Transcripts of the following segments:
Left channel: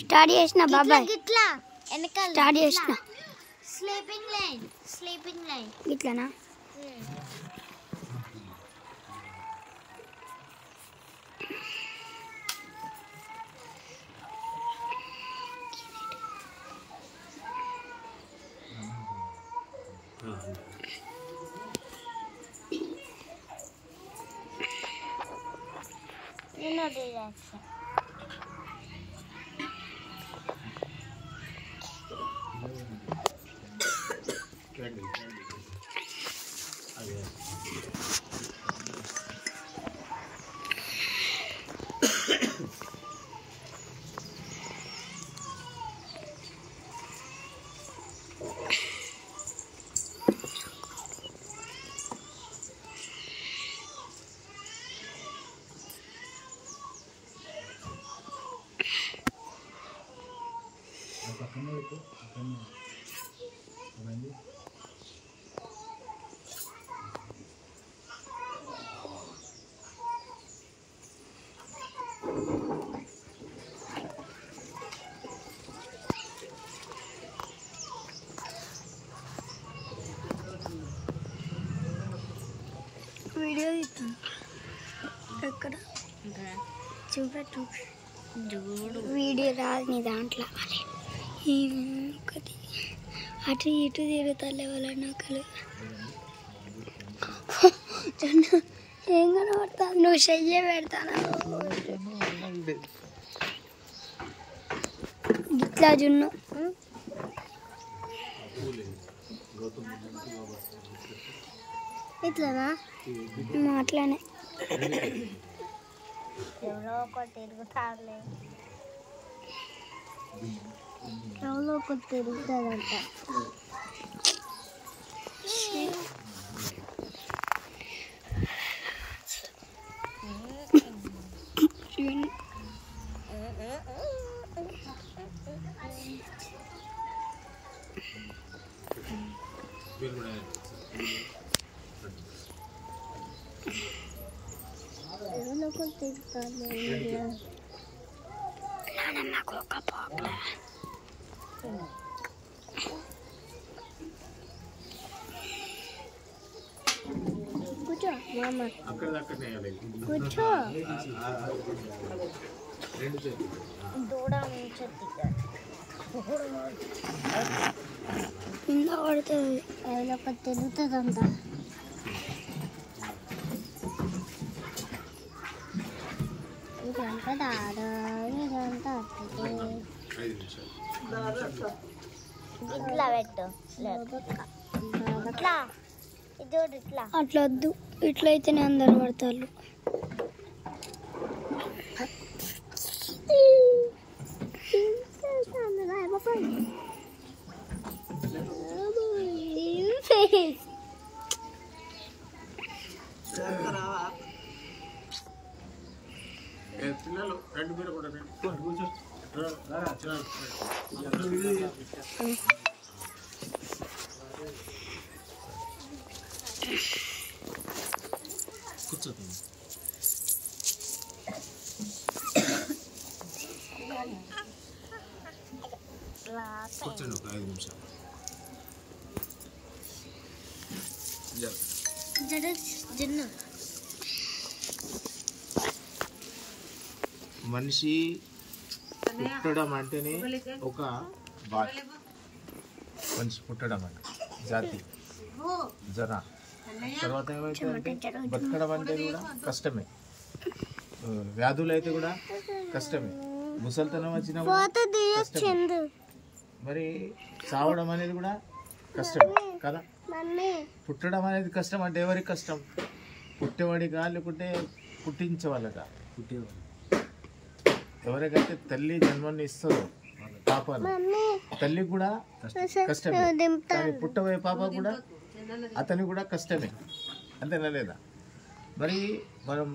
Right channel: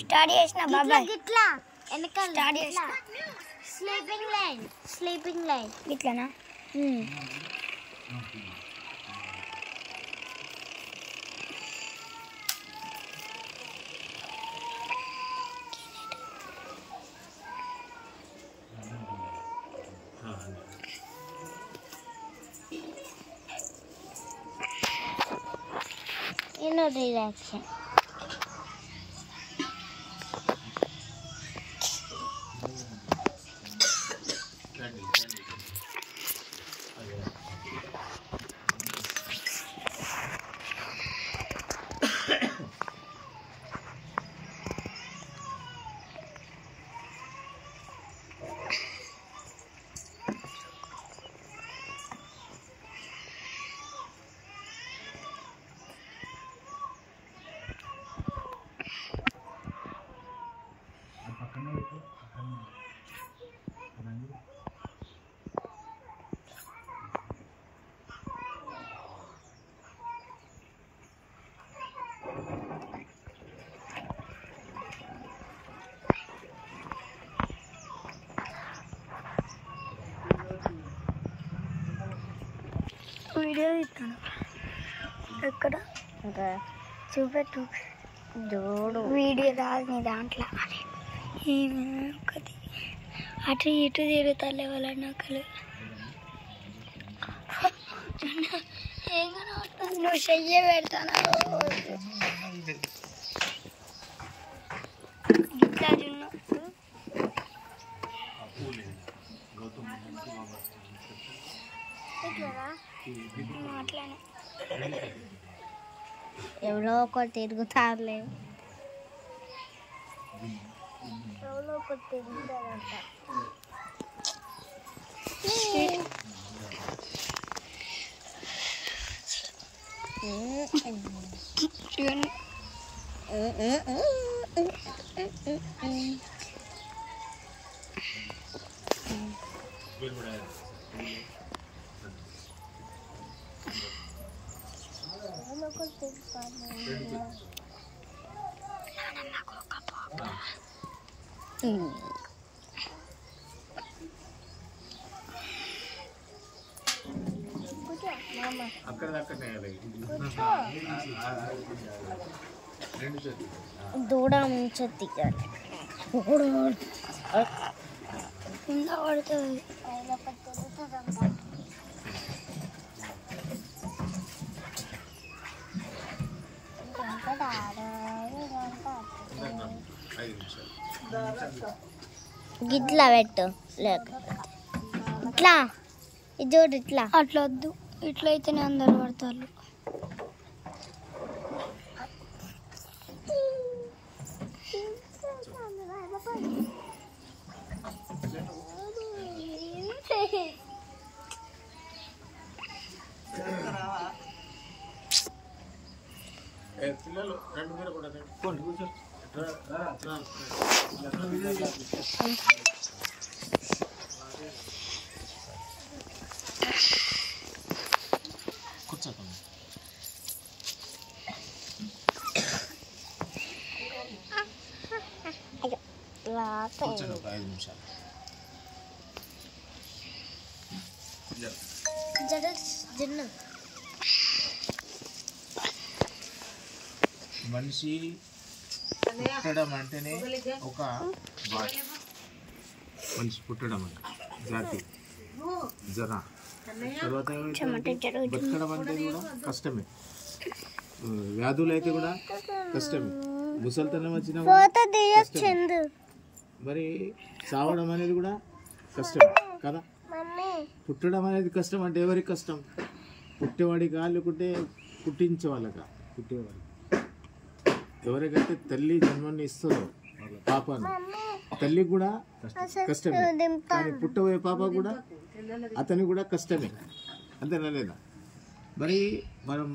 Start చేసిన బాబాయ్ గిట్లా వెనకాల స్టార్ట్ చేసిన స్లీపింగ్ లైన్ ఇట్లానా రిలాక్షన్ వీడియో ఇస్తాను ఎక్కడ చూపెట్టు చూడు వీడియో రాదు నీ దాంట్లో ఒకటి అటు ఇటు తిరుగుతాలే వాళ్ళ నకలు ఏం కనబడతాను నువ్వు చెయ్యే పెడతాను గిట్లా జున్ను ఇట్లానా మాట్లానే ఎవరో ఒకటి తిరుగుతారులే ఎవరో ఒకటి తిరుగుతారంట దూడ ముంచెత్తి కింద పడుతుంది ఎవరో ఒకటి తిరుగుతుందంట గిట్లా పెట్టు ఇట్లా ఇది చూడు ఇట్లా అట్లా వద్దు ఇట్లయితేనే అందరు పడతారు పిల్లలు రెండు మీరు కూడా కూర్చో కూర్చోకండి కూర్చోండి ఒక 5 నిమిషాలు మనిషి పుట్టడం అంటేనే ఒక బాధ మనిషి పుట్టడం అంటే జాతి జన తర్వాత బతకడం అంటే కూడా కష్టమే వ్యాధులు అయితే కూడా కష్టమే ముసలితనం వచ్చిన మరి చావడం అనేది కూడా కష్టమే కదా పుట్టడం అనేది కష్టం అంటే ఎవరికి కష్టం పుట్టేవాడికా లేకుంటే పుట్టించే వాళ్ళకా పుట్టేవాడు ఎవరికైతే తల్లి జన్మని ఇస్తారో పాపను తల్లికి కూడా కష్టమే కానీ పుట్టబోయే పాప కూడా అతనికి కూడా కష్టమే అంతేనా లేదా మరి మనం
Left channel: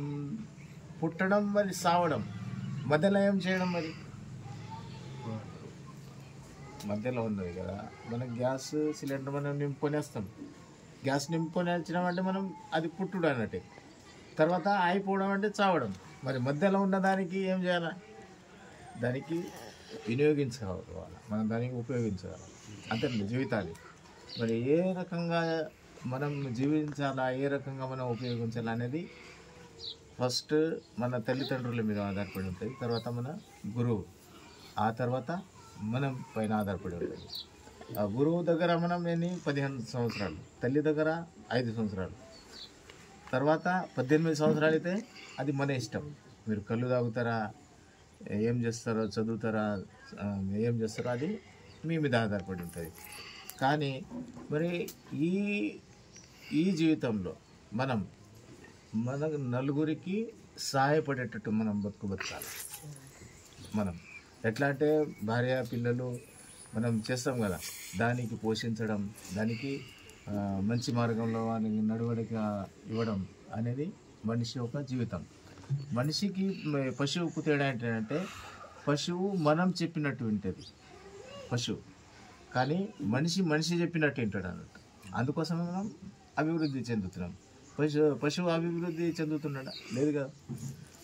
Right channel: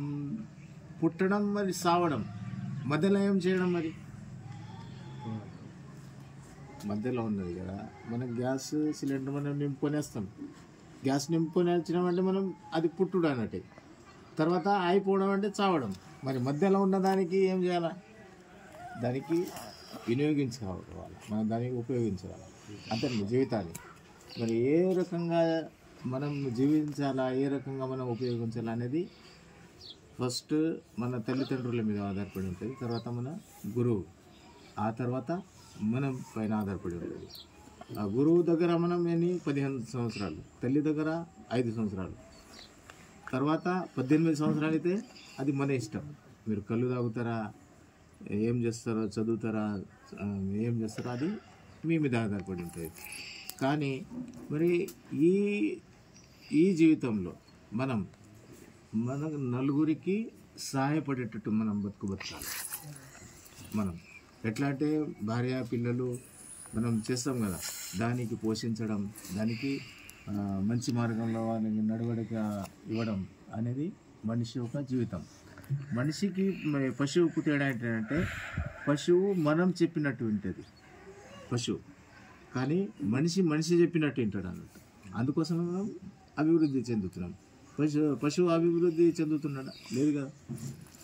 పుట్టడం మరి సావడం మధ్యలో ఏం చేయడం మరి మధ్యలో ఉన్నది కదా మనం గ్యాస్ సిలిండర్ మనం నింపుకొనేస్తాం గ్యాస్ నింపుకొని వచ్చినామంటే మనం అది పుట్టుడు అన్నట్టు తర్వాత అయిపోవడం అంటే చావడం మరి మధ్యలో ఉన్న దానికి ఏం చేయాలి? దానికి వినియోగించుకోవాలి, మనం దానికి ఉపయోగించాలి అంతే జీవితాన్ని. మరి ఏ రకంగా మనం జీవించాలా, ఏ రకంగా మనం ఉపయోగించాలా అనేది ఫస్ట్ మన తల్లిదండ్రుల మీద ఆధారపడి ఉంటుంది, తర్వాత మన గురువు, ఆ తర్వాత మనం పైన ఆధారపడి ఉంటుంది. ఆ గురువు దగ్గర మనం 15 సంవత్సరాలు, తల్లి దగ్గర 5 సంవత్సరాలు, తర్వాత 18 సంవత్సరాలు అయితే అది మన ఇష్టం. మీరు కళ్ళు తాగుతారా, ఏం చేస్తారో, చదువుతారా, ఏం చేస్తారో అది మీ మీద ఆధారపడి ఉంటుంది. కానీ మరి ఈ జీవితంలో మనం నలుగురికి సహాయపడేటట్టు మనం బతకాలి. మనం ఎట్లా అంటే భార్య పిల్లలు మనం చేస్తాం కదా, దానికి పోషించడం, దానికి మంచి మార్గంలో నడవడిక ఇవ్వడం అనేది మనిషి యొక్క జీవితం. మనిషికి పశువుకు తేడా ఏంటంటే పశువు మనం చెప్పినట్టు వింటుంది పశువు, కానీ మనిషి చెప్పినట్టు వింటాడు అన్నట్టు. అందుకోసం మనం అభివృద్ధి చెందుతున్నాం. పశువు అభివృద్ధి చెందుతున్నాడా? లేదు కదా.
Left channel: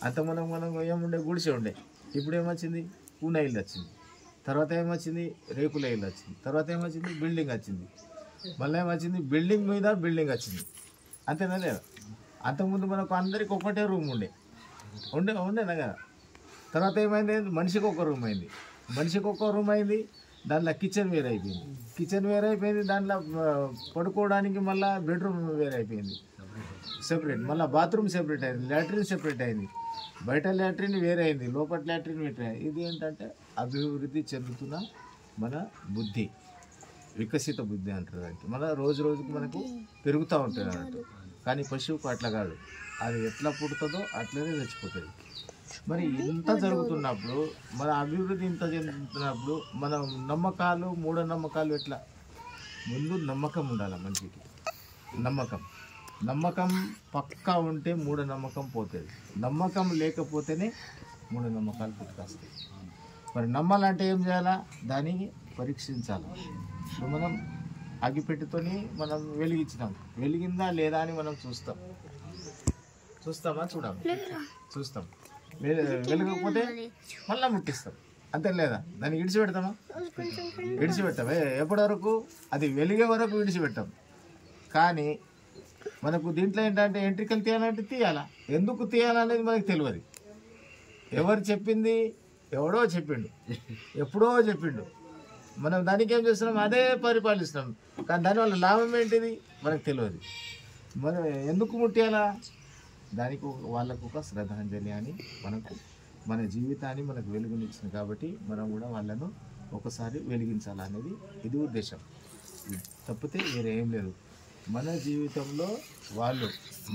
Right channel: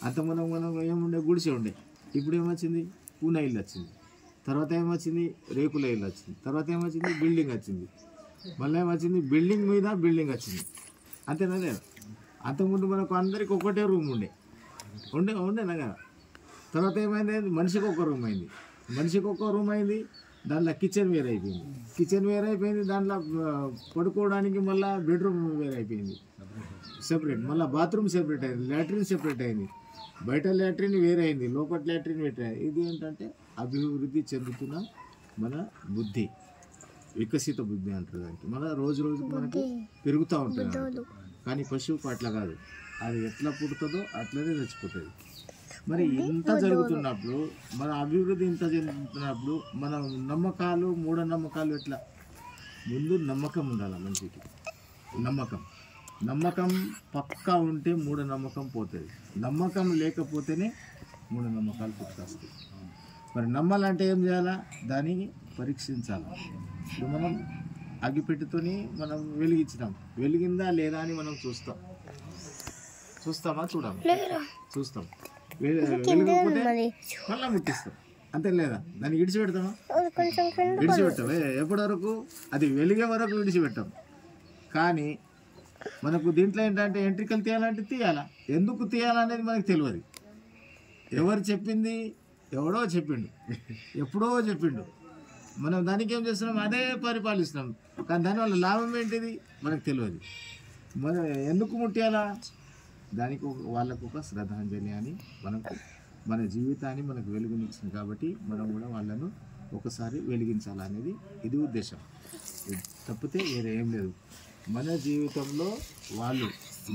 అంత మనం ఏముండే గుడిసె ఉండే, ఇప్పుడు ఏమొచ్చింది? పూన ఇల్లు వచ్చింది, తర్వాత ఏమొచ్చింది? రేకుల ఇల్లు వచ్చింది, తర్వాత ఏమొచ్చింది? బిల్డింగ్ వచ్చింది, మళ్ళీ ఏమొచ్చింది? బిల్డింగ్ మీద బిల్డింగ్ వచ్చింది. అంతేనా లేదా? అంతకుముందు మనకు అందరికి ఒకటే రూమ్ ఉండేనా కదా. తర్వాత ఏమైంది? మనిషికి ఒక రూమ్ అయింది, దాంట్లో కిచెన్ వేరే అయిపోయింది, దాంట్లో పడుకోవడానికి మళ్ళీ బెడ్రూమ్ వేరే అయిపోయింది, సెపరేట్, మళ్ళీ బాత్రూమ్ సెపరేట్ అయింది, లాట్రిన్ సెపరేట్ అయింది, బయట లాట్రిన్ వేరే అయింది, లోపల లాట్రిన్ వేరే అయింది. ఇది ఏంటంటే అభివృద్ధి చెందుతున్న మన బుద్ధి, వికసిత బుద్ధి అంటారు దానికి. మన రోజు రోజుకు మనకు పెరుగుతూ ఉంటుంది అన్నట్టు. కానీ పశువుకు అట్లా కాదు, అది ఎట్లా పుడుతుందో అట్లనే చచ్చిపోతుంది. మరి ఇంత జరుగుతున్నప్పుడు, మన అభివృద్ధి ఇంత చెందుతున్నప్పుడు మన నమ్మకాలు, మూఢనమ్మకాలు ఎట్లా? ముందు నమ్మకం ఉండాలి మనిషికి. నమ్మకం పక్కా ఉంటే మూఢనమ్మకం పోతుంది. నమ్మకం లేకపోతేనే మూఢనమ్మకాలు పుట్టుకొస్తాయి. మరి నమ్మాలంటే ఏం చేయాలా? దాన్ని పరీక్షించాలి. ఇప్పుడు మనం అగ్గిపెట్టితోని మనం వెలిగించినాం, వెలిగిందా లేదా అని మనం చూస్తామా? చూస్తాం. వెలిగకపోతే మళ్ళీ ముట్టిస్తాం, అంతే లేదా? దాన్ని విడిచిపెడతామా? విడిచిపెట్టాం. ఎప్పటి వరకు? అది వెలిగే వరకు విడిచిపెట్టాం. కానీ మనకు దీంట్లో ఏంటంటే ఎంట్రికలు తీయాలంటే తీయాలా, ఎందుకు తీయాలనేది మనకు తెలియదు. ఎవరు చెప్పింది? ఎవడో చెప్పిండు, ఎప్పుడో చెప్పిండు. మనం దానికి ఏం చేస్తున్నాం? అదే పరిపాలిస్తున్నాం. కానీ దానివల్ల లాభం ఏంటిది మనకు తెలియదు. మనం ఎందుకు ముట్టాలా? దానికి వాళ్ళకు ఒక శ్రద్ధాంజలి అని మనకు, మన జీవితాన్ని మనకు వెలుగునిచ్చింది కాబట్టి మనం కూడా వాళ్ళను ఒకసారి వెలిగించాలనేది ఇది ఉద్దేశం. తప్పితే వేరే ఏం లేదు. మన జీవితంలో వాళ్ళు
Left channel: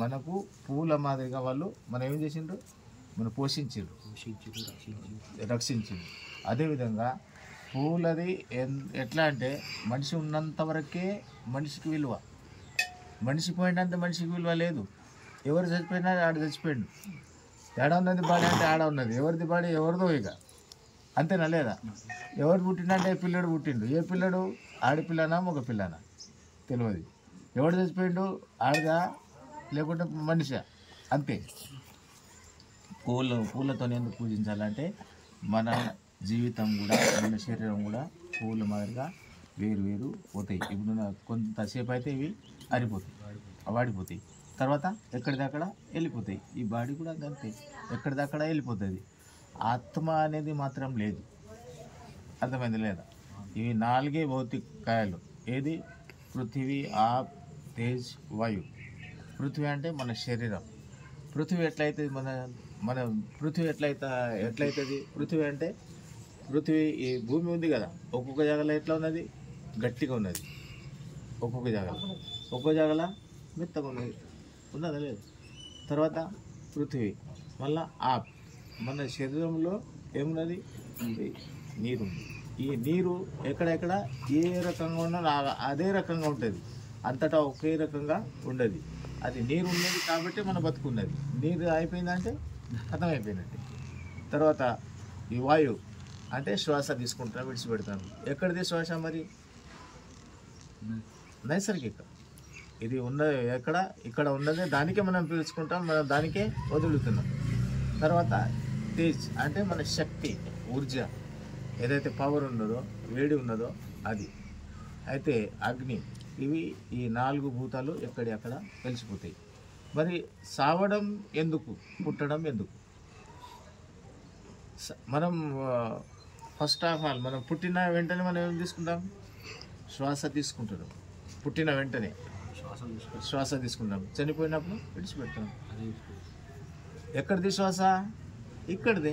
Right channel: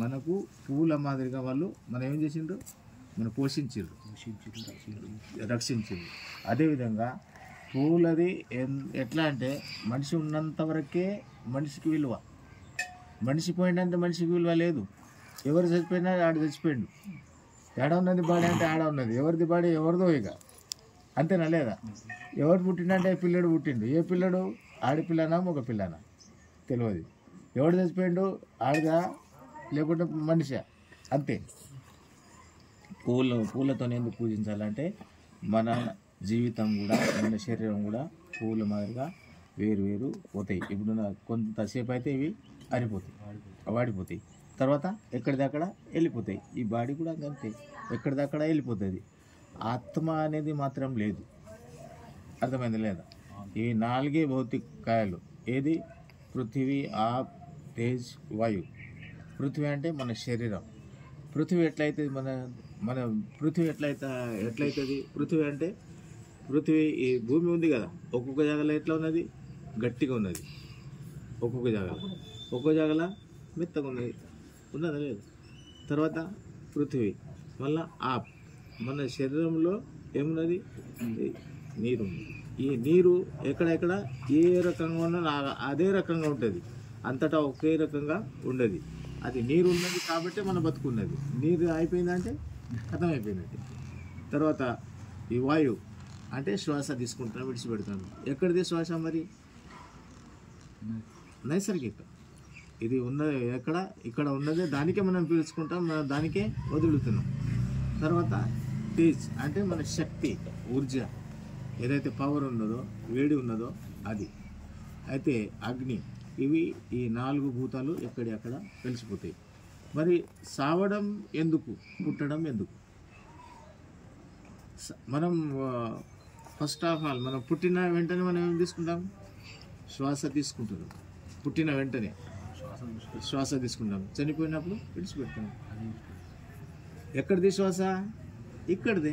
మనకు పూల మాదిరిగా వాళ్ళు మనం ఏం చేసిండ్రు? మనం పోషించారు, రక్షించారు. అదేవిధంగా పూలది ఎట్లా అంటే మనిషి ఉన్నంత వరకే మనిషికి విలువ, మనిషి పోయినంత మనిషికి విలువ లేదు. ఎవరు చచ్చిపోయినా ఆడ చచ్చిపోయిండు, ఏడ ఉన్నది బాడీ అంటే ఆడ ఉన్నది, ఎవరిది బాడీ ఎవరిదో ఇక, అంతేనా లేదా? ఎవరు పుట్టినంటే పిల్లడు పుట్టిండు, ఏ పిల్లడు? ఆడపిల్లనా మగ పిల్లనా తెలియదు. ఎవడు చచ్చిపోయిండు? ఆడదా లేకుంటే మనిషా, అంతే. పూలతో ఎందుకు పూజించాలంటే మన జీవితం కూడా, మన శరీరం కూడా పూల మాదిరిగా వేరు పోతాయి. ఇప్పుడు కొంతసేపు అయితే ఇవి ఆరిపోతాయి, వాడిపోతాయి, తర్వాత ఎక్కడిదక్కడ వెళ్ళిపోతాయి. ఈ బాడీ కూడా అంతే, ఎక్కడిదక్కడ వెళ్ళిపోతుంది. ఆత్మ అనేది మాత్రం లేదు, అర్థమైంది లేదా? ఇవి 4 భౌతిక కాయాలు. ఏది? పృథివీ, ఆప్, తేజ్, వాయు. పృథివీ అంటే మన శరీరం. పృథివీ ఎట్లయితుంది? మన పృథివీ ఎట్లయితుంది? పృథివీ అంటే ఈ భూమి ఉంది కదా, ఒక్కొక్క జాగాలో ఎట్లా ఉన్నది? గట్టిగా ఉన్నది. ఒక్కొక్క జాగాలో మెత్తగా ఉన్నదా లేదు? తర్వాత పృథివీ, మళ్ళా ఆప్. మన శరీరంలో ఏమున్నది? నీరు. ఈ నీరు ఎక్కడెక్కడ ఏ రకంగా ఉన్నా అదే రకంగా ఉంటుంది, అంతటా ఒకే రకంగా ఉండదు. అది నీరు ఉన్నది కాబట్టి మన బతుకున్నది. నీరు అయిపోయిందంటే అర్థమైపోయినట్టు. తర్వాత ఈ వాయువు అంటే శ్వాస తీసుకుంటాం, విడిచిపెడతాం. ఎక్కడిది శ్వాస? మరి నైసర్గిక. ఇది ఇక్కడ ఉన్నదే దానికే మనం పీల్చుకుంటాం, మనం దానికే వదులుతున్నాం. తర్వాత తేజ్ అంటే మన శక్తి, ఊర్జ, ఏదైతే పవర్ ఉన్నదో, వేడి ఉన్నదో అది. అయితే అగ్ని, ఇవి ఈ 4 భూతాలు ఎక్కడి అక్కడ కలిసిపోతాయి. మరి సావడం ఎందుకు, పుట్టడం ఎందుకు? మనం ఫస్ట్ ఆఫ్ ఆల్ మనం పుట్టిన వెంటనే మనం ఏం తీసుకుంటాం? శ్వాస తీసుకుంటాం. పుట్టిన వెంటనే శ్వాస తీసుకుంటాం, చనిపోయినప్పుడు విడిచిపెడతాం. ఎక్కడిది శ్వాస? ఇక్కడిది.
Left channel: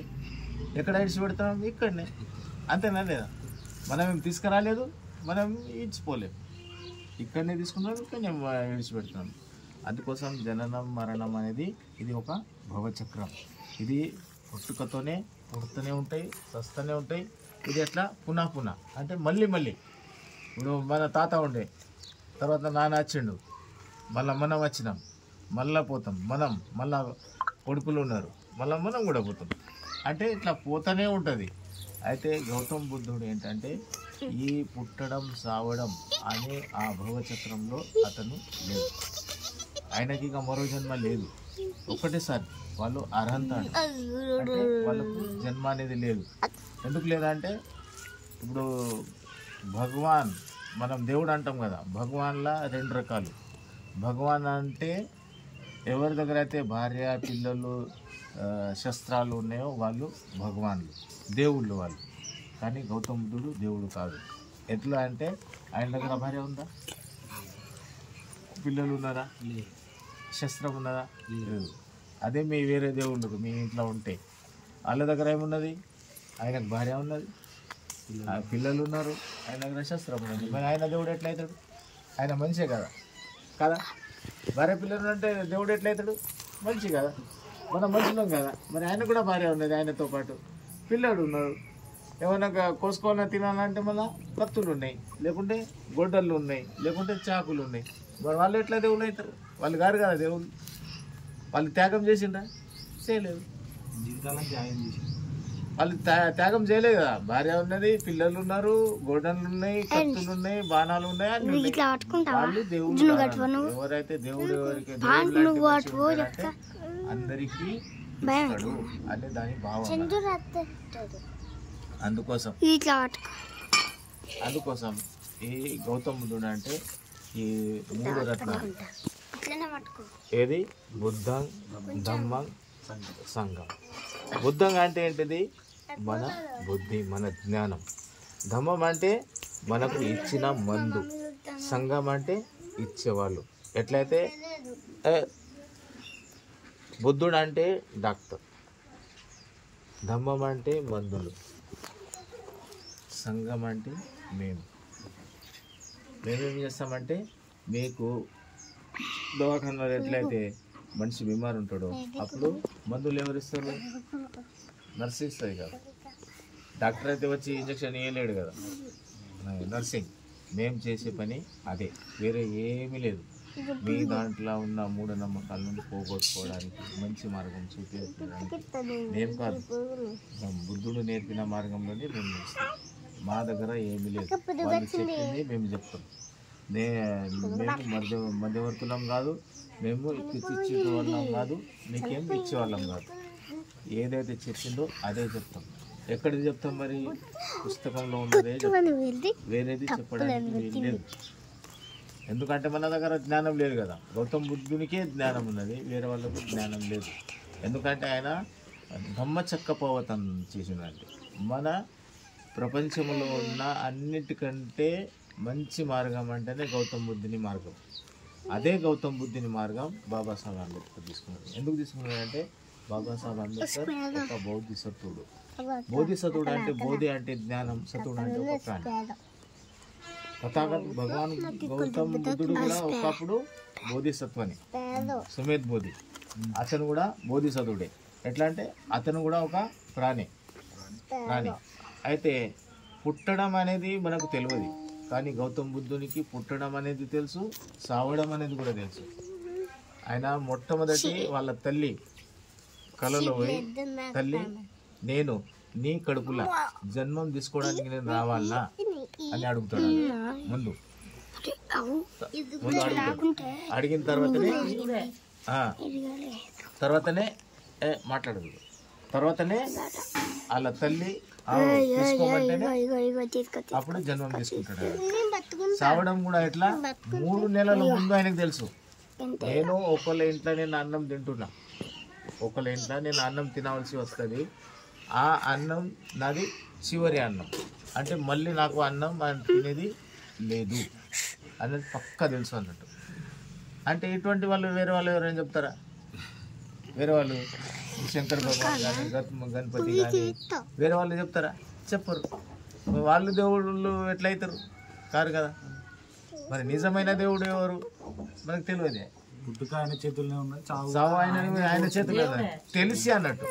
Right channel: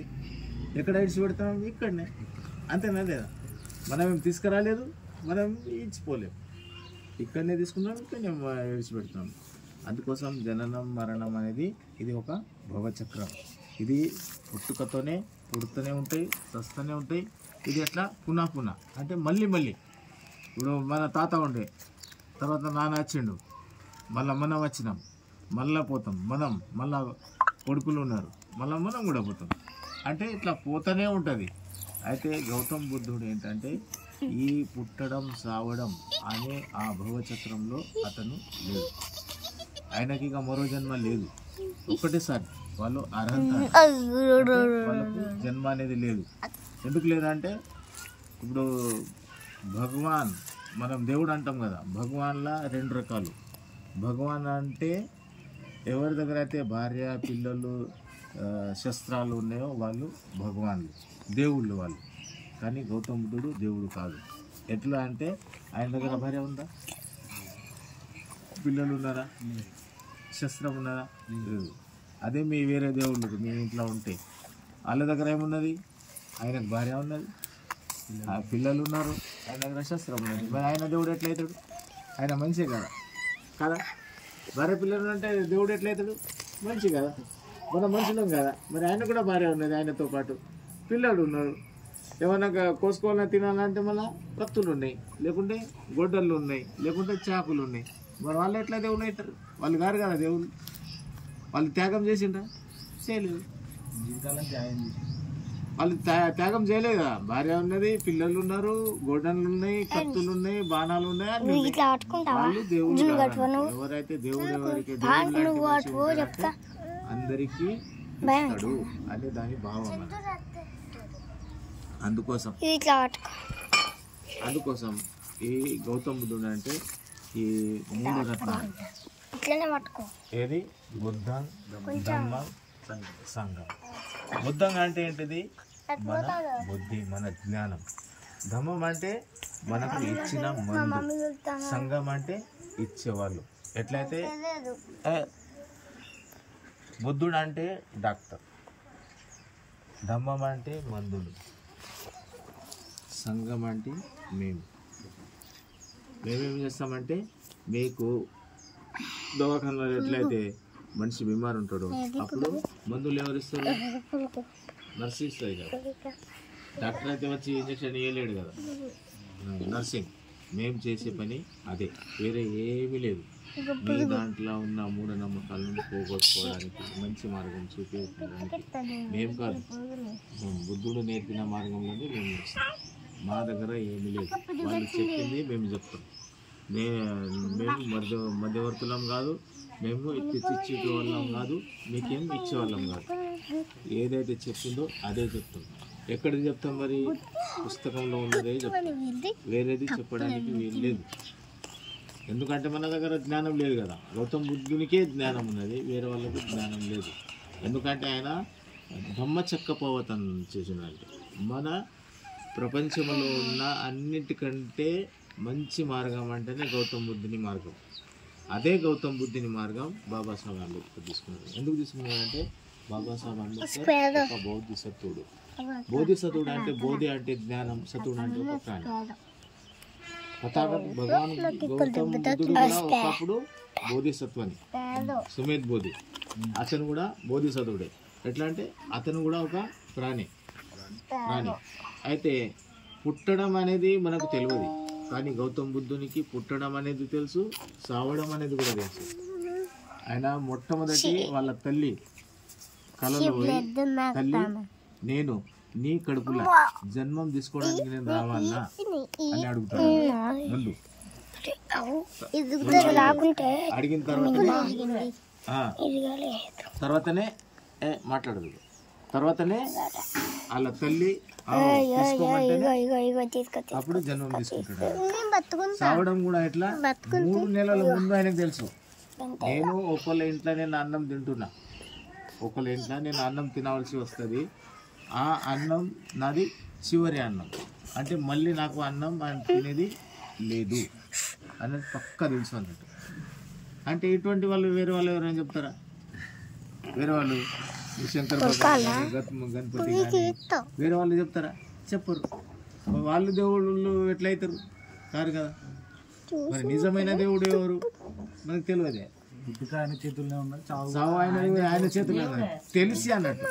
ఎక్కడ విడిచిపెడతాం? ఇక్కడనే. అంతేనా లేదా? మనం ఏం తీసుకురాలేదు, మనం ఇచ్చిపోలేము. ఇక్కడనే తీసుకున్నాం, ఇక్కడనే విడిచిపెడుతున్నాం. అందుకోసం జననం మరణం అనేది ఇది ఒక భవచక్రం. ఇది పుట్టుకతోనే పుడుతూనే ఉంటాయి, చస్తూనే ఉంటాయి. ఇది ఎట్లా పునః అంటే మళ్ళీ ఇప్పుడు మన తాత ఉండే, తర్వాత నాన్న వచ్చిండు, మళ్ళీ మనం వచ్చినాం, మళ్ళీ పోతాం, మళ్ళా కొడుకులు ఉన్నారు, మళ్ళీ మనం కూడా పోతాం. అంటే ఇట్లా పోతూనే ఉంటుంది. అయితే గౌతమ్ బుద్ధుడు ఏంటంటే ఈ పుట్టడం సావడం అనే ఆ భవచక్రంలో అతను లేదు. ఆయనకి ఇక మరో జన్మ లేదు. ఒకటేసారి వాళ్ళు అర్హత, జన్మ అనేది లేదు. ఎందుకు లేదంటే ఇప్పుడు భగవాన్, మనం దేవుడు అంటాం కదా, భగవాన్లా 2 రకాలు. భగవాన్ అంటే ఎవరి దగ్గర అయితే భార్య, పిల్లలు, శస్త్రాలు ఉన్నాయో వాళ్ళు భగవాన్లు, దేవుళ్ళు వాళ్ళు. కానీ గౌతమ బుద్ధుడు దేవుడు కాదు. ఎట్లా అంటే ఆయన దగ్గర భార్య ఉందా? పిల్లలు ఉన్నారా? శస్త్రం ఉన్నదా? లేదు. అదే మీ వేరే దేవుళ్ళు మీ ఇంట్లో ఉంటే వాళ్ళ దగ్గర ఏమున్నది? ఆయనకు భార్య ఉన్నది, పిల్లలు ఉన్నారు, ఆయన దగ్గర శస్త్రం ఉన్నది. మరి ఆయన దేవుడు ఎట్లయితాడు? ఆయన మనిషే కదా కదా. భార్య పిల్లలు అంటే దేవుడు ఎట్లయితాడు? మనిషి కదా, మనం మనుషులం కదా. మరి ఆయన కూడా భార్య ఉన్నది, ఆయనతో పాటు పిల్లలు ఉన్నారు. ఏమన్నా కోసుకోవాలని తినాలంటే మళ్ళీ కత్తులు ఉన్నాయి, లేకుంటే గొడ్డళ్ళు ఉన్నాయి, లేకుంటే చాకులు ఉన్నాయి. మరి వాళ్ళు ఎట్లా దేవుళ్ళు అవుతారు? వాళ్ళు గారు కదా దేవుళ్ళు. వాళ్ళు త్యాగం చేసిండ్రా? చేయలేదు. జీవితాలకు త్యాగం చేసి వాళ్ళు త్యాగం చేయలేదు కదా. భార్య ఉన్నది, పిల్లలు ఉన్నారు, గొడ్డళ్ళు ఉన్నాయి, కత్తులు ఉన్నాయి, బాణాలు ఉన్నాయి. వాళ్ళు దేవుళ్ళు. ఎవరైతే దేవుడు అందరికీ అనే దాని భావం. అందుకోసం ఈ గౌతమ బుద్ధుడు అంటే ఈ 3 రత్నాలు. ఏది? బుద్ధం, ధమ్మం, సంఘం. బుద్ధం అంటే ఏంటిది? మన బుద్ధి, మన జ్ఞానం. ధమ్మం అంటే మనకు ఇచ్చిన మందు. సంఘం అంటే ఇచ్చేవాళ్ళు. ఎట్లయితే బుద్ధుడు అంటే డాక్టర్, ధమ్మం అంటే మందులు, సంఘం అంటే మేమేం చేస్తామంటే, మీకు దవాఖానలో ఎట్లయితే మనిషి బీమారు ఉంటాడో అప్పుడు మందులు ఎవరు ఇస్తారు? నర్సు ఇస్తుంది కదా. డాక్టర్ అయితే వచ్చి ఇంజక్షన్ వేయలేడు కదా. నర్సింగ్. మేము చేసే పని అదే, వేరే ఏమీ లేదు. మీ దాంట్లో ఉన్న మూఢనమ్మకాలను పోగొట్టుకోవడానికి, మంచి మార్గం చూపించడానికి మేము కాదు, బుద్ధుడు నేర్పిన మార్గంలోనే మేము చేస్తాం. మా దగ్గర ఏమీ లేదు. వాళ్ళు చెప్పింది మేము చెప్తాం. మేము మధ్యవర్తులం కాదు, మేము తెచ్చిచ్చే వాళ్ళం కాదు, మీకేం ఇచ్చేవాళ్ళం కాదు. ఏదైతే చెప్పిందో అదే చెప్తాం. ఎక్కడిది చెప్తాం? మరి పుస్తకంలో ఉన్నదే చెప్తాం, వేరేది చెప్పడానికి వీలు లేదు. ఎందుకంటే మన దగ్గర జ్ఞానం లేదు కదా. గౌతమ బుద్ధునికే జ్ఞానం ఉన్నది, వేరే వాళ్ళకు జ్ఞానం లేదు. ఎందుకంటే ఆయన ధమ్మచక్రపర్వతం చేసిందంటే మన ప్రపంచంలో ఉన్న అన్నిటికంటే మంచి మార్గం అంటేనే గౌతమ బుద్ధుని మార్గం. అదే గౌతమ బుద్ధుని మార్గం బాబాసాహెబ్ అంబేద్కర్ తీసుకున్నాడు. ఎందుకు తీసుకున్నాడంటే బాబాసాహెబ్ అంబేద్కర్ ఒక బౌద్ధిసత్వుడు. బోధిసత్వుడు అంటే బోధి అంటే జ్ఞానం, సత్వుడు అంటే తథాగత భగవాన్ గౌతమ బుద్ధుడు కూడా ఒకప్పుడు బోధిసత్వని, సుమేధ్ బోధి, అతను కూడా బోధిసత్వుడే. ఎట్లా అంటే అతను కూడా ఒక ప్రాణి. అయితే పుట్టడం అనేది మనకు తెలియదు, కానీ గౌతమ బుద్ధునికి పుట్టడం అనేది తెలుసు, సావడం అనేది కూడా తెలుసు. ఆయన మొట్టమొదటి వాళ్ళ తల్లి కలలో పోయి, తల్లి నేను నీ కడుపులో జన్మం తీసుకోవడానికి నేను రావాలా అని అడుగుతాను ముందు. అడిగిన తర్వాతనే మాట్లాడదు. తర్వాతనే వాళ్ళ తల్లి అప్పుడు జన్మం తీసుకుంటాడు. చావడం కూడా ఎట్లా 3 నెలల ముందు ఆయనకు తెలుసు. నేను ఒకళ్ళ ఇంట్లో నేను అన్నం తింటున్నా, ఒకళ్ళ ఇంట్లో నేను అన్నం తినవలసి వస్తుంది, ఆ అన్నం నాది చివరి అన్నం, అంటే మళ్ళీ నాకు అన్నం తినేది లేదు అనేది పక్కా తెలుసు అన్నట్టు. అంటే ఇటువంటి వాళ్ళు వేరే వాళ్ళు ఎవరైనా చెప్తారా? వేరే వాళ్ళు శంకర్ గణపతి వేరే వాళ్ళు చెప్తారా? చెప్పరు. వాళ్ళు దేవుళ్ళు ఎట్లయితారు? కారు కదా. మరి నిజమైన దేవుడు ఎవరు మనకు తెలియదే. పుట్టుక ఆయన చేతుల్లో ఉన్నది, చావు ఆయన చేతుల్లో తెలిసి అన్నట్టు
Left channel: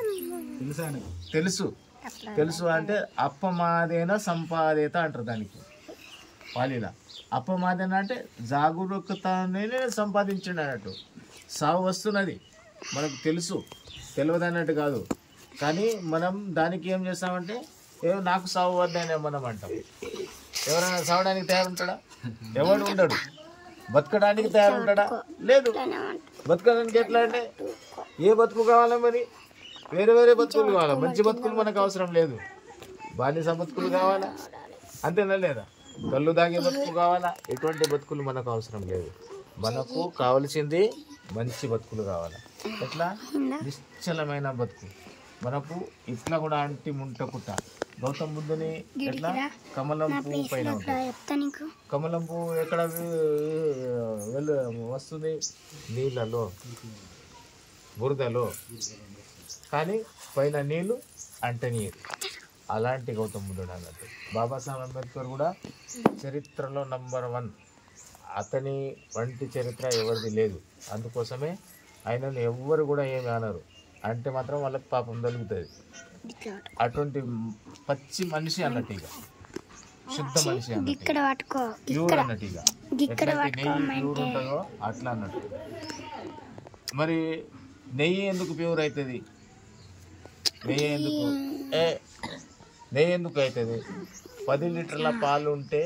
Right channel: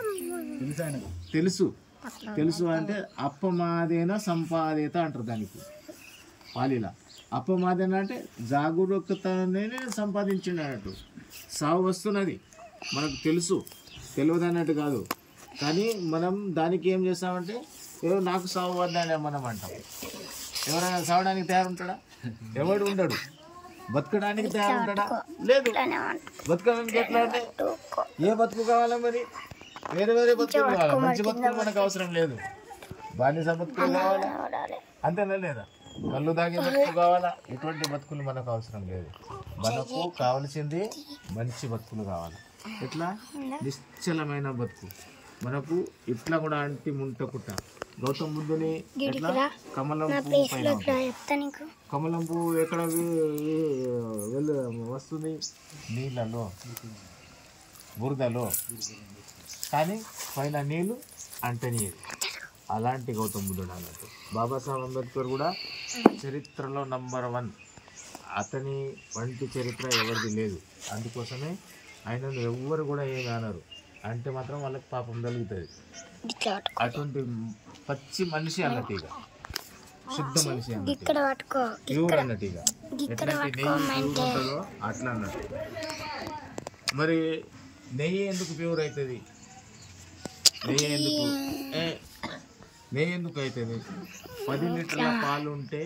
తెలుసు అంటే అప్పమాదేన సంపాదేత అంటారు దానికి పాలీల. అప్పమాదేన అంటే జాగరూకతనే సంపాదించండి అన్నట్టు. సావు వస్తున్నది మనకు తెలుసు, తెలియదు అన్నట్టు కాదు. కానీ మనం దానికి ఏం చేస్తామంటే నాకు సావు వద్దనే మనం అంటాం. ఎవరైనా సావడానికి తయారుంటాడా? ఎవడు ఉండడు. బతకడానికి తయారుంటాడా? లేదు. బతకడానికి ఎట్లా అంటే ఏ బతుకు కావాలా? మరి వేరే వేరే బతుకులు కావాలి. మంచి బతుకులు మనకు అవసరం లేదు. బానిస బతుకులు కావాలా? అంతేనా లేదా? కళ్ళు తాగే బతుకులు కావాలా? ఎటువంటి బతుకులు మనకు అవసరం లేదు. మనకు కావలసింది మంచి బతుకులు కావాలా? ఎట్లా? నిశ్చలమైన బతుకు. మనకు ఇట్లా కూడా అంటి ముంటకుట. గౌతమ్ బుద్ధుని కమలం పువ్వు పైన, కమలం పువ్వు ఎక్కడ వస్తుంది? నీళ్ళలో, బురదలో, కానీ పైన నీళ్ళు అంటనీయరు. అలాంటి గౌతమ్ బుద్ధుడు అన్నట్టు. బాబాసాహెబ్ అంబేద్కర్ కూడా చరిత్రలో నంబర్ 1. అతని వంటి చరిత్ర ఎవరిది లేదు. అందుకోసమే ఆయనను ఎవ్వరు కూడా ఏం అనరు. అంటే మాత్రం వాళ్ళకి పాపం కలుగుతుంది. అటువంటి పచ్చి మనిషి అన్నట్టు, ఇక శుద్ధ మనిషి అన్నట్టు, ప్యూర్ అన్నట్టు. ఇక అట్లా అన్నట్టు. మరి నెయ్యి ఎందుకు ప్యూర్ అవుతుంది? నెయ్యి ఎందుకు అవుతుంది? 10 లీటర్ల పాలు ఉంటే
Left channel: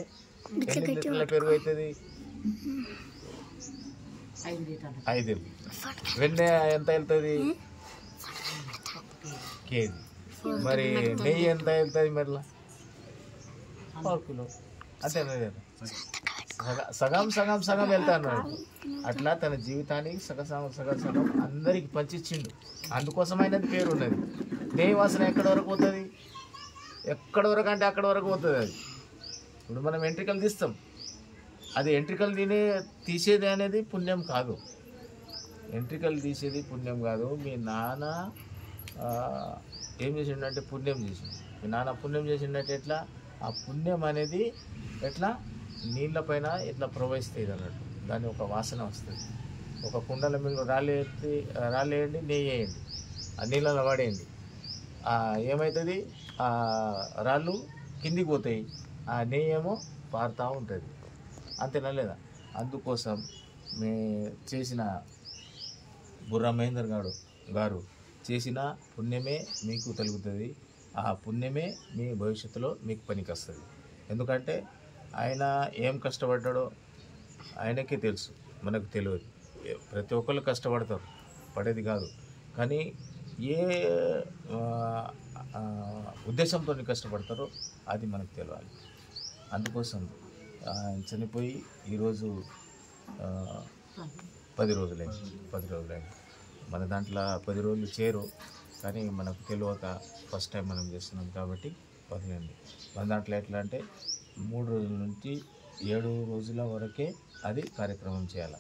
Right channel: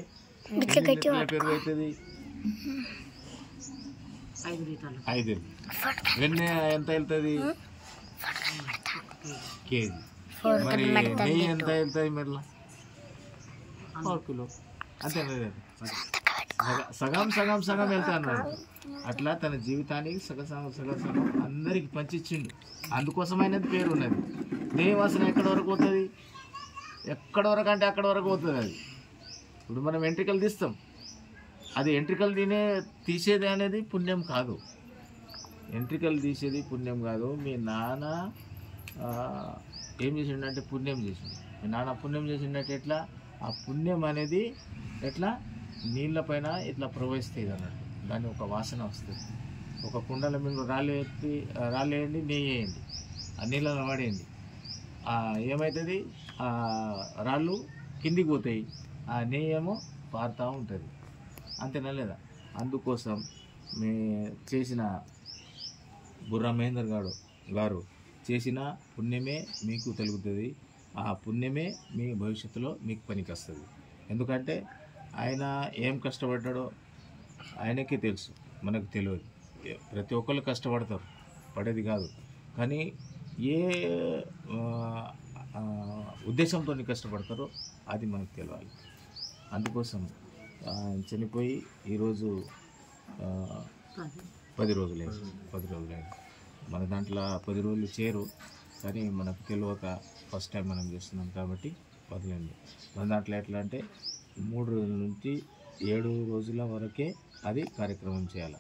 ఎన్ని లీటర్ల పెరుగు అవుతుంది? 5. వెన్నె ఎంత వెళ్తుంది? కేజీ. మరి నెయ్యి ఎంత వెళ్తుంది? మరలా 1 కిలో. అంతే. సగం సగం సగం వెళ్తా అన్నాడు. అట్లా తన జీవితానికి సగం అందరికి పంచిచ్చిండు. అందుకోసం అయినది పేరు ఉన్నది. నెయ్యి వాసన ఎక్కడి వరకు పోతుంది? ఎక్కడి వరకు అంటే అక్కడి వరకు పోతుంది. అది ఇప్పుడు మనం ఎంట్రికలు తీస్తాం, అది ఎంట్రికలు తీసేది అనేది పుణ్యం కాదు. ఎంట్రికలు తీసేది పుణ్యం కాదు. మీ నాన్న ఏం చేసిండంటే పుణ్యం చేసిండు. మీ నాన్న పుణ్యం చేసిండంటే ఎట్లా? ఆ పుణ్యం అనేది ఎట్లా నీళ్ళ పైన ఇట్లా ప్రవహిస్తుంది అన్నట్టు. దాని ఒక వాసన వస్తుంది. ఒక కుండల మీద రాళ్ళేయండి, నెయ్యి వేయండి, ఆ నీళ్ళలో పడేయండి. ఏమవుతుంది? ఆ రాళ్ళు కిందికి పోతాయి, ఆ నెయ్యి ఏమో పారుతూ ఉంటుంది. అంతేనా లేదా? అందుకోసం చేసిన బుర్రా మహేందర్ గారు చేసిన పుణ్యమే మీకు తలుగుతుంది. ఆ పుణ్యమే మీ భవిష్యత్తులో మీకు పనికి వస్తుంది. ఎందుకంటే ఆయన ఏం కష్టపడ్డాడో ఆయనకే తెలుసు, మనకు తెలియదు. ప్రతి ఒక్కళ్ళు కష్టపడతారు, పడేది కాదు. కానీ ఏ ఉద్దేశంతో కష్టపడతారో అది మనకు తెలియాలి. అందుకోసం చనిపోయి ఈరోజు 10 రోజులైంది. మన దాంట్లో 10 రోజులు చేరు, కానీ మనకు తెలియక ఫస్ట్ టైం మనం చేస్తున్నాం కాబట్టి వదిలేండి. మన దాంట్లో ఎట్లా అంటే 3 రోజుల నుంచి 7 రోజుల వరకే అది కార్యక్రమం చేయాలి.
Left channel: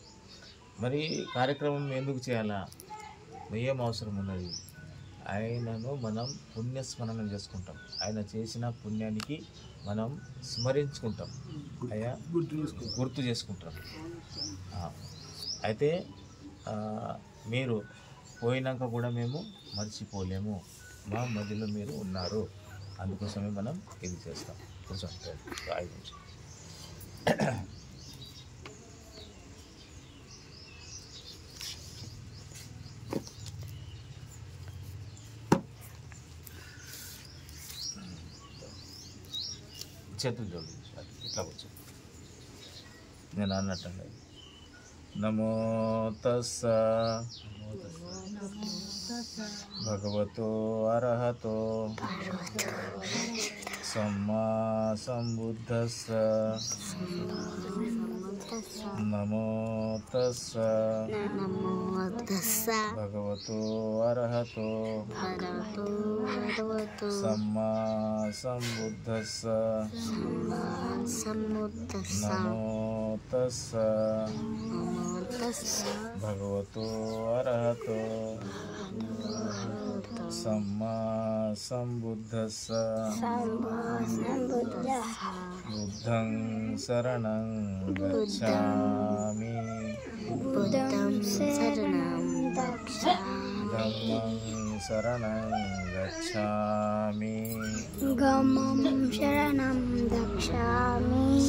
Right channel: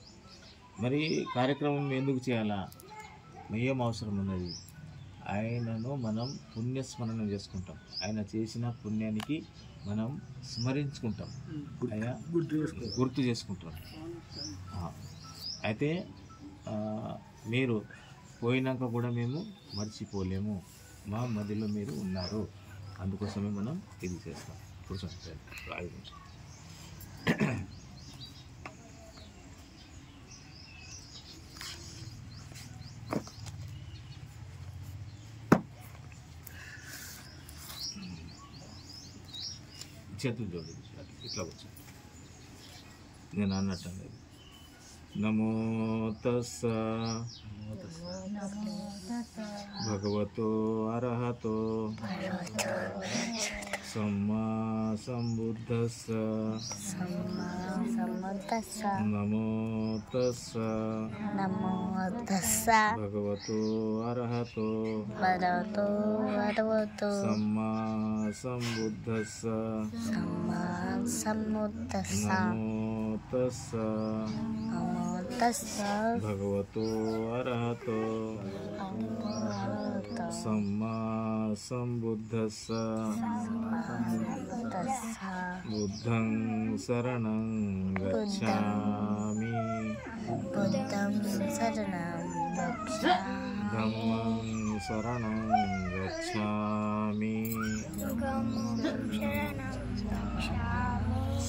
మరి కార్యక్రమం ఎందుకు చేయాలా? ఏం అవసరం ఉన్నది? ఆయనను మనం పుణ్యస్మరణం చేసుకుంటాం. ఆయన చేసిన పుణ్యానికి మనం స్మరించుకుంటాం, అయ్యా గుర్తు చేసుకుంటాం. అయితే మీరు పోయినాక కూడా మేము మర్చిపోలేము, మా మధ్యలో మీరు ఉన్నారు. అందుకోసమే మనం ఇది చేస్తాం. కూర్చోండి 5 నిమిషాలు. చేతులు జోడించాలి, ఇట్లా కూర్చో. నేను అన్నట్టు నమో తస్స భగవతో అర్హతో సమ్మా సంబుద్ధస్స నమో తస్స భగవతో అర్హతో సమ్మా సంబుద్ధస్స నమో తస్స భగవతో అర్హతో సమ్మా సంబుద్ధస్స బుద్ధం శరణం గచ్ఛామి ధమ్మం శరణం గచ్ఛామి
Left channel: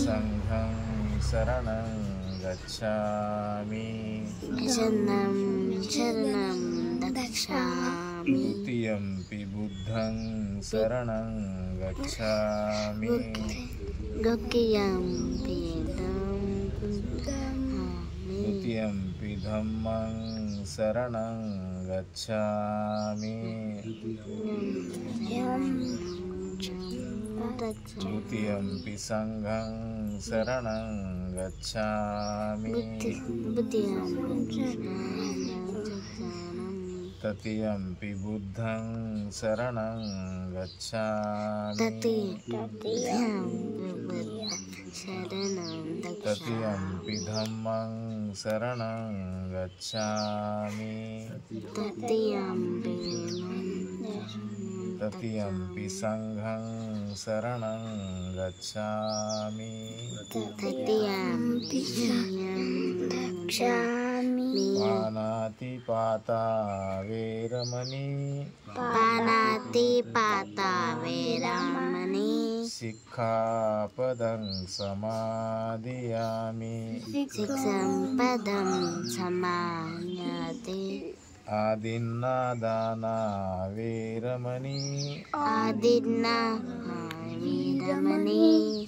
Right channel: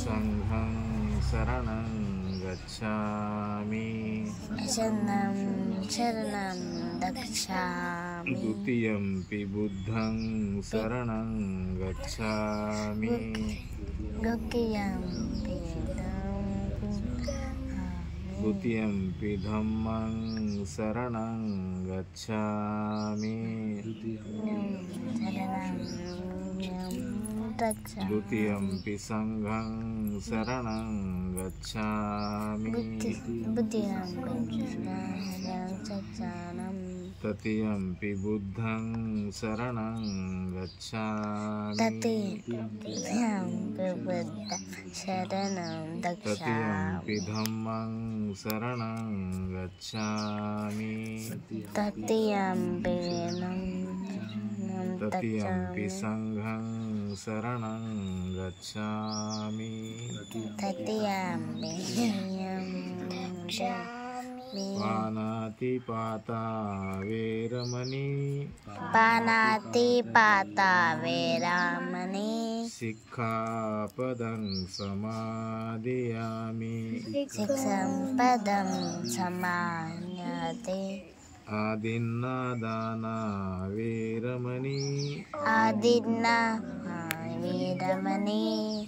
సంఘం శరణం గచ్ఛామి ద్వితీయంపి బుద్ధం శరణం గచ్ఛామి ద్వితీయంపి ధమ్మం శరణం గచ్ఛామి ద్వితీయంపి సంఘం శరణం గచ్ఛామి తృతీయంపి బుద్ధం శరణం గచ్ఛామి తృతీయంపి ధమ్మం శరణం గచ్ఛామి తృతీయంపి సంఘం శరణం గచ్ఛామి పానాతిపాతా వేరమణి సిక్ఖాపదం సమాదియామి ఆదిన్నాదానా వేరమణి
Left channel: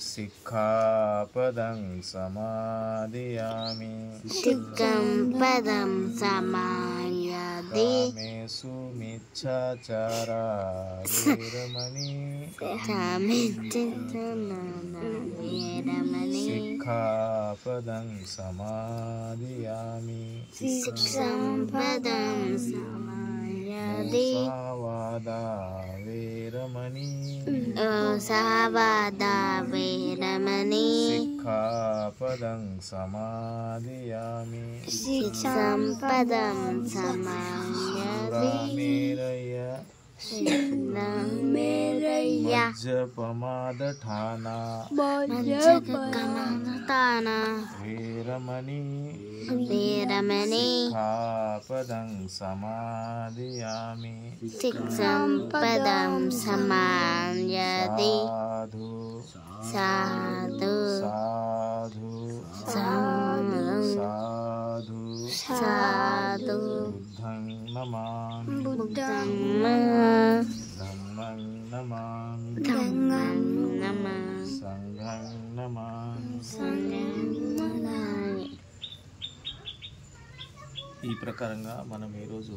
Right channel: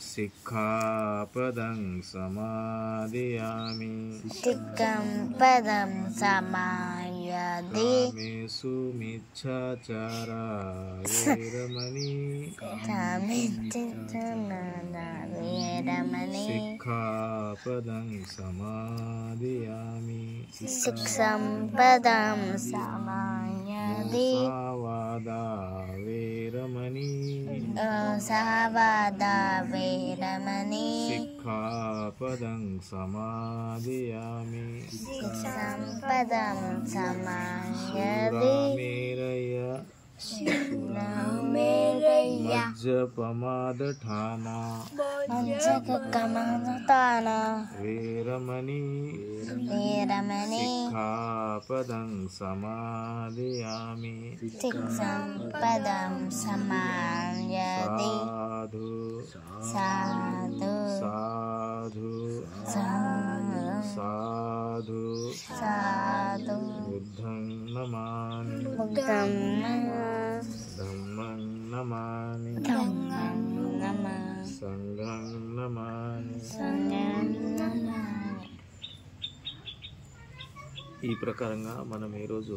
సిక్ఖాపదం సమాదియామి కామేషు మిచ్ఛాచారా వేరమణి సిక్ఖాపదం సమాదియామి సహవాదా వేరమణి సిక్ఖాపదం సమాదియామి మజ్జపమాదఠానా వేరమణి సిక్ఖాపదం సమాదియామి సాధు బుద్ధం నమామి ధమ్మం నమామి సంఘం నమామి. ఈ ప్రకారంగా మనం ఈరోజు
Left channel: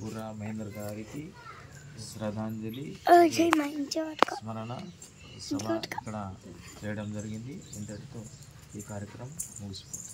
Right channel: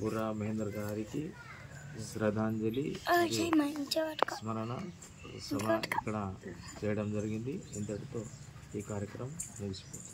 బుర్రా మహేందర్ గారికి శ్రద్ధాంజలి స్మరణ సభ ఇక్కడ చేయడం జరిగింది. ఇంతటితో ఈ కార్యక్రమం ముగిసిపోయింది.